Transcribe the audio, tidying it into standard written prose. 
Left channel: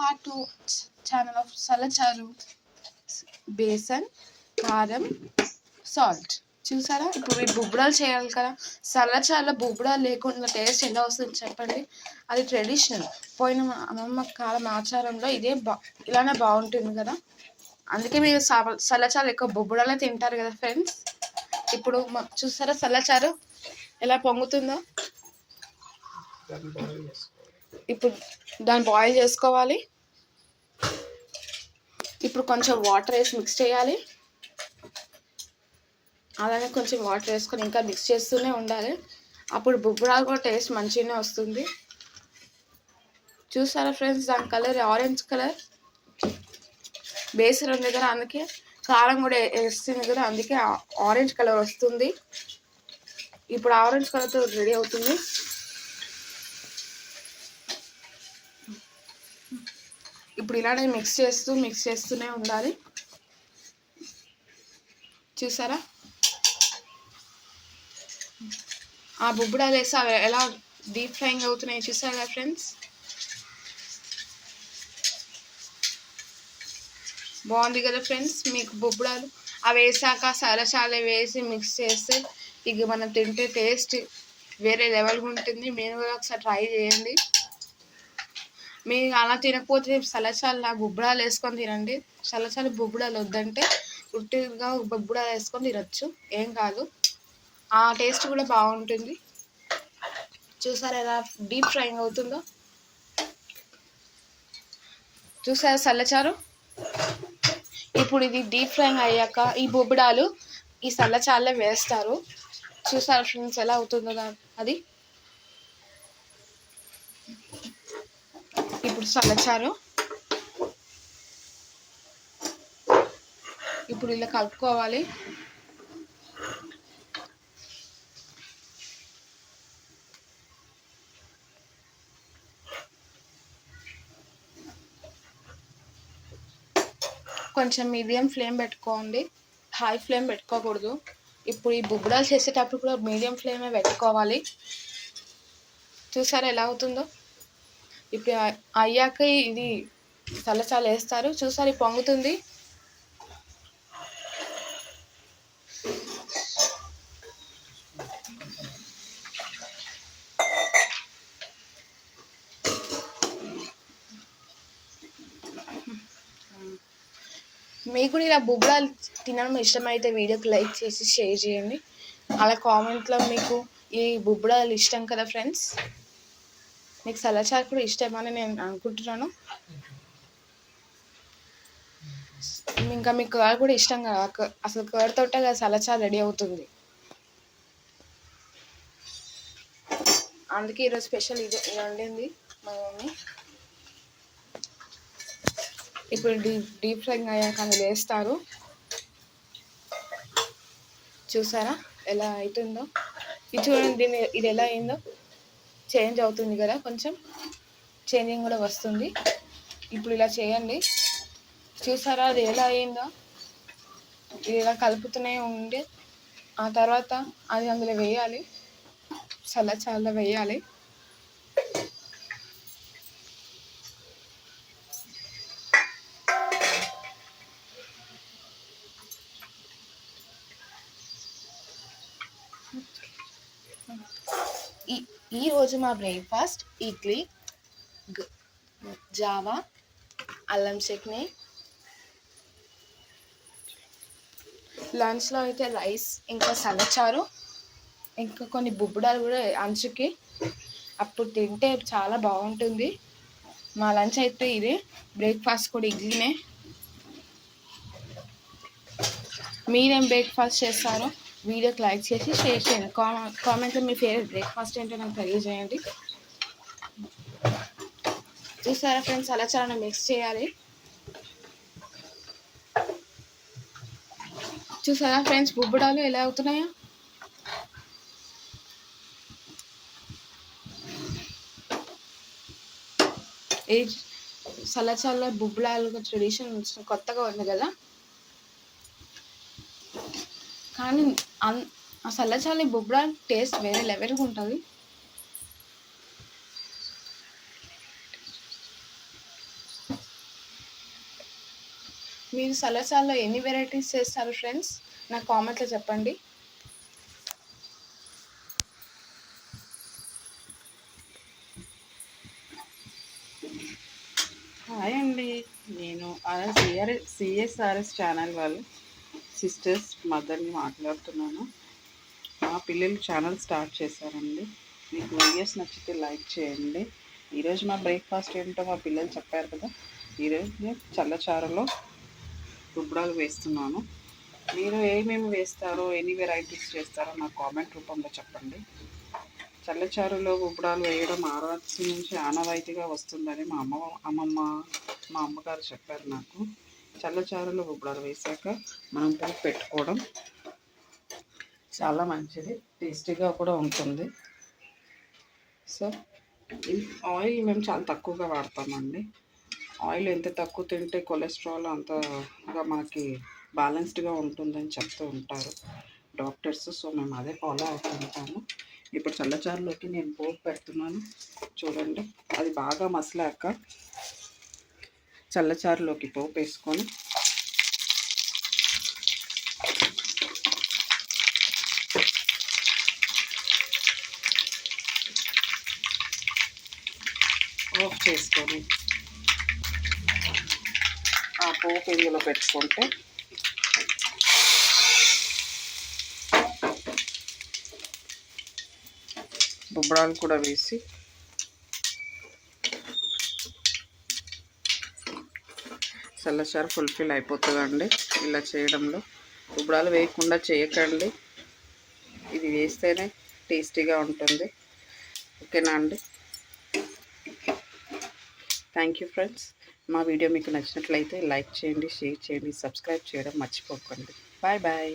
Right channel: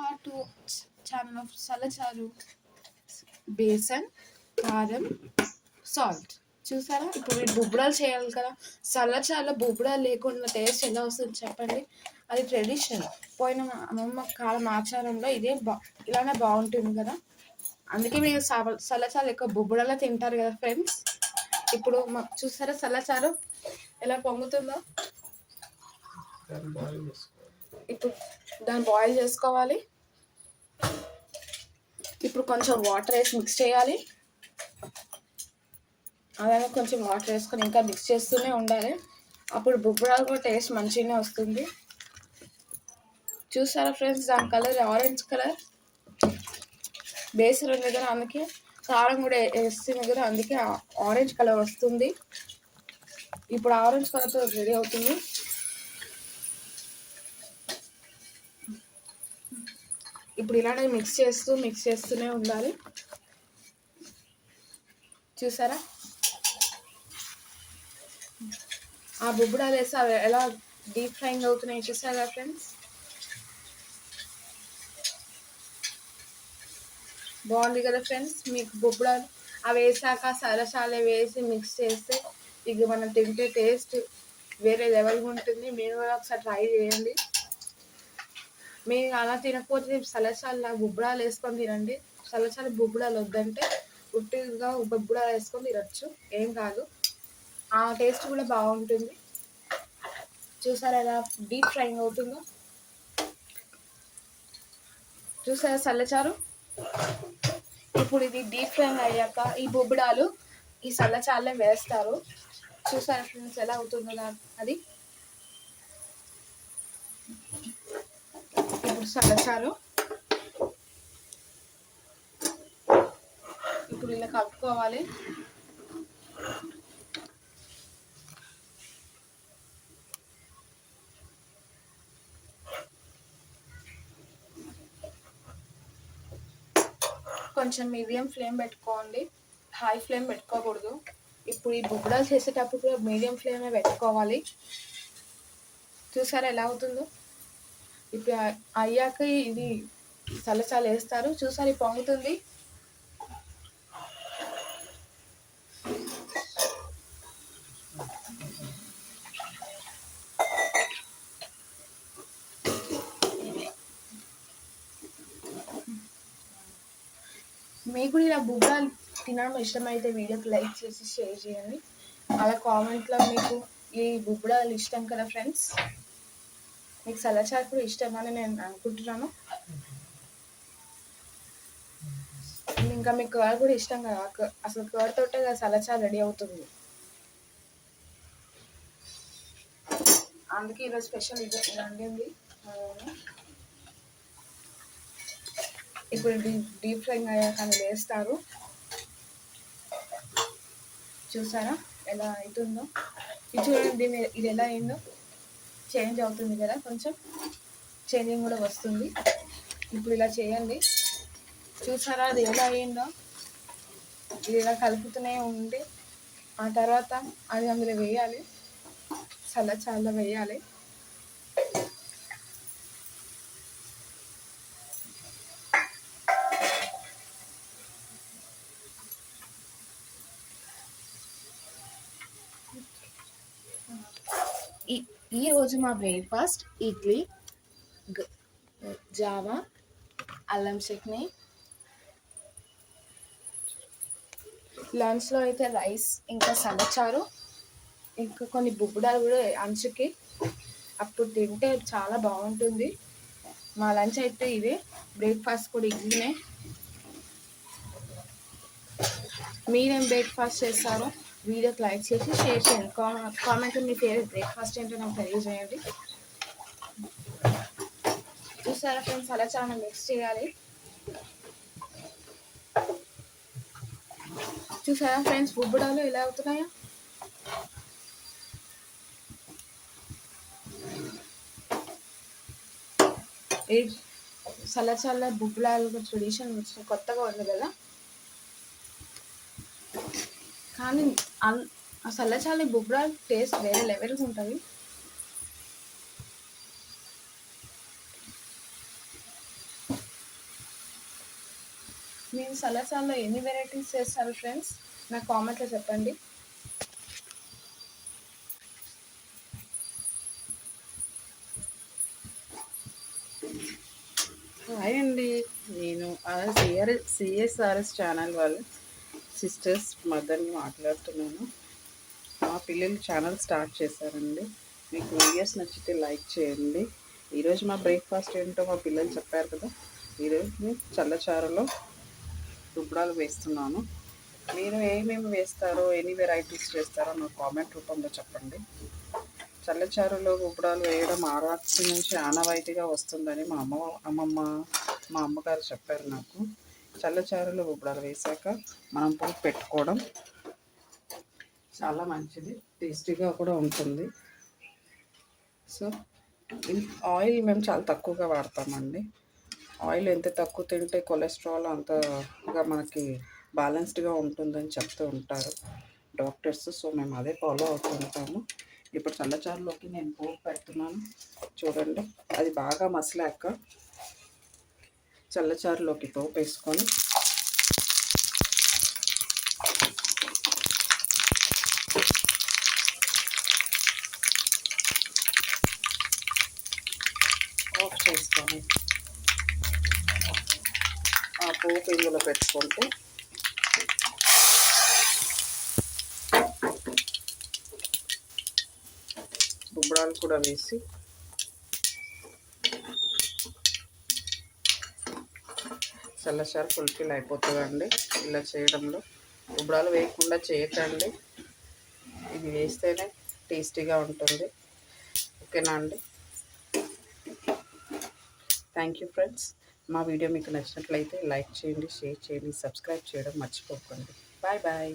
Part 2 channel of సలచారు. బేసన్, కారం, సాల్ట్. చూసారా? ఇప్పుడు ఈ బుబ్బడాలు చేయాలి కదా. సలచారులో బుబ్బడాలు లేకుండా టేస్ట్ ఎలా వస్తుంది చెప్పండి. అది ట్రెడిషనల్. పోయిన అమ్మమ్మ కాలం ఆచారంలో ఇలానే బాగుంటుంది కదా. అందుకే మీరు సలచారు ఎక్కువ బుబ్బడాలే తింటారు కదా ఫ్రెండ్స్. ఇప్పుడు చూసారా సలచారు ఎలా పొంగుతుందో. ఇప్పుడు దాన్ని బాయిల్ చేసుకోవాలి. ఇప్పుడు కొంచెం వాటర్ వేసి మిక్స్ చేయాలి. అలాగే కొంచెం వాటర్ వేసుకొని ఇంకా మిక్స్ చేస్తూనే ఉండాలి. అప్పుడు బుబ్బడాలు కూడా టేస్ట్ మంచిగానే వస్తుంది. చూసారా ఫ్రెండ్స్, దాని కలర్ ఆరెంజ్ కలర్. బేసన్ ఉంది కదా, అందుకే కారం కూడా వేస్తుంది కదా, అందుకే ఆరెంజ్ కలర్ వస్తుంది. ఇప్పుడు ఆరెంజ్ కలర్తో రెడీ అవుతుంది. ఇప్పుడు ఇలానే మిక్స్ చేస్తూనే ఉండాలి. చూసారా ఆ బుబ్బడాలు వేసి అవి ఎలా డీప్ ఫ్రైయింగ్ అవుతున్నాయి చూసారా ఫ్రెండ్స్. బాగుంది కదా ఫ్రెండ్స్. మీకు బొబ్బడాలు అవి వేసాక సలచాలు వేసి మిక్స్ చేస్తే ఇక మనం తింటే టేస్ట్ వేరే లెవెల్గా ఉంటుంది. మీరు కూడా ఒకసారి ట్రై చేయండి. మీరు అలా తినకపోతే సలచాలు బొబ్బడాలు వేసుకొని తినండి. సలచాలు బొబ్బడాలు వద్దంటే ఉట్టిగా బొబ్బడాలు వేసుకొని తినచ్చు, ఏం కాదు. ఆ టేస్ట్ కూడా బాగుంటుంది. చూసారా ఎలా డీప్ ఫ్రైయింగ్ అవుతుందో. చూసారా సల్లచారు. ఇప్పుడు ఇది డీప్ ఫ్రైయింగ్ అయ్యాక ఈ బొబ్బడాలు ఈ సల్లచారులో వేస్తారు. చూసారా ఫ్రెండ్స్ ఎలా అవుతుందో అది. ఇప్పుడు సల్లచారు ఇప్పుడు ఇలా కలుపుకోవాలి. కొంచెం మీడియం ఫ్లేమ్ పెట్టుకోండి, హై ఫ్లేమ్ పెట్టుకోకూడదు. ఇప్పుడు ఈ బుబ్బడాలు చేసేటప్పుడు కూడా మీడియం ఫ్లేమే పెట్టుకోవాలి. చూసారా ఎలా అవుతుందో. ఇప్పుడు అయ్యాక ఇది సలచాలు వేస్తారు. చూసారు పొంగుతుంది. మీకు కూడా ఇలా బుబ్బడాలు తినడం ఇష్టమైతే వీడియోకి లైక్ చేసి షేర్ చేయండి. అలా కామెంట్లో మీకు ఈ బుబ్బడాలు ఇష్టం కదా ఫ్రెండ్స్. మీకు సలచారు కూడా ఇష్టమని నేను అనుకుంటున్నాను. ఇంకా మీకు కర్డ్ కూడా ఇష్టం కదా. అసలు కర్డ్ తోటే కదా సలచారు రెడీ అవుతుంది. అందుకే ఈరోజు స్పెషల్ ఇది వండింది మా మమ్మీ. ఇప్పుడు డీప్ ఫ్రైయింగ్ అయ్యాక అందులో వేస్తారు. చూసారా ఎలా అవుతుందో. ఇది చూడండి, ఇది ఎలా అయిందో. చేంజ్ అవుతుంది కదా, కొంచెం చేంజింగ్ కూడా వస్తుంది. ఇప్పుడు ఇలా చేయండి. చూసారా అది ఎలా అయిందో. ఇది ఇలా కలుపుతూనే ఉండి ఆ తర్వాత అది అందులో వేయాలి, సలచారులో వేయాలి. ఈరోజు మా బ్రేక్ఫాస్ట్ ఇడ్లీ, జావా, అల్లం చట్నీ. లంచ్లో అయితే రైస్, ఇంకా సలచారు, ఇంకా కొన్ని బుబ్బడాలు కూడా అంచుకి. అప్పుడు తింటే చాలా బాగుంటుంది. మా లంచ్ అయితే ఇదే, బ్రేక్ఫాస్ట్ కూడా ఇడ్లీనే. మీరేం బ్రేక్ఫాస్ట్ చేస్తారో వీడియోకి లైక్ చేసి షేర్ చేయండి. కామెంట్లో మీ ఫేవరెట్ బ్రేక్ఫాస్ట్ ఏంటో నాకు తెలియజేయండి. చూసారా ఫ్రెండ్స్ సలచారుని మిక్స్ చేయాలి. చూసారా ఫ్రెండ్స్ బుబ్బడాలు ఎలా అవుతున్నాయో. ఈ సలచారులో బుబ్బడాలు ట్రెడిషన్ కొత్తగా ఉంది కదా. కానీ ఆ సల్లచారు బుబ్బడాలు టేస్ట్ వేరే లెవెల్గా ఉంటుంది. మీరు సలాసాల్లో ఎన్ని వెరైటీస్ చేస్తారు ఫ్రెండ్స్? నాకు కామెంట్లో చెప్పండి. హాయ్ అండి. నేను సిఎస్ఆర్ఎస్ ఛానల్ వాళ్ళు సిస్టర్స్ మదర్ని మాట్లాడుతున్నాను. మా పిల్లలు ఛానల్ స్టార్ట్ చేశారండి. మీకు వీడియోస్ నచ్చితే లైక్ చేయండి. ఈరోజు మా బ్రేక్ఫాస్ట్ ఏంటో మా పిల్లలు చెప్పారు కదా. ఈరోజు నేను చల్లచారులో రుబ్బడాలు వేస్తున్నాను. మీరు ఏమేమి వేస్తారో, ఎన్ని వెరైటీస్ చేస్తారో నాకు కామెంట్ రూపంలో చెప్పండి. చల్లచారులో రుబ్బడాలు వేయడం ఆరాత్రి నుంచి ఆనవాయితీగా వస్తుందని అమ్మమ్మ మా అమ్మగారు చెప్పారు నాకు. చల్లచారులో రుబ్బడాలు వేశాక మనం పోపు పెట్టుకోవడం చాలా మంచిది, టేస్టీగా కూడా ఉంటుంది. సో ఆయిల్ మేము చాలా తక్కువగా వాడతామండి. ఆయిల్ ఎంత తక్కువ తింటే కొలెస్ట్రాల్ అంతగా మనకి బ్యాలెన్స్డ్గా ఉంటుందని చెప్తూ ఉంటారు డాక్టర్స్. సో మేము అదే ఫాలో అవుతుంటాము. ఇప్పుడు చల్లచారులోకి నేను పోపు పెడుతున్నాను. చూడండి, అది బాగా మసలాక చల్లచారులోకి పోపు వేసుకొని ఆఫ్ చేసుకొని ఆ పోపు ఇందులో పెట్టుకుంటే రుబ్బడాలు కూడా వేసి చల్లచారు ఫుల్ఫిల్ అయిపోతుందండి. ఇలా చేయడంలో రుబ్బడాలు వేయకుండా చేయకండి, ఇది వేస్తేనే టేస్టీగా ఉంటుంది. ఓకేనా అండి? Thank you friends. మా వీడియో మీకు నచ్చినట్లయితే లైక్ చేయండి, షేర్ చేయండి, సబ్స్క్రైబ్ చేయడం మర్చిపోకండి. Bye bye.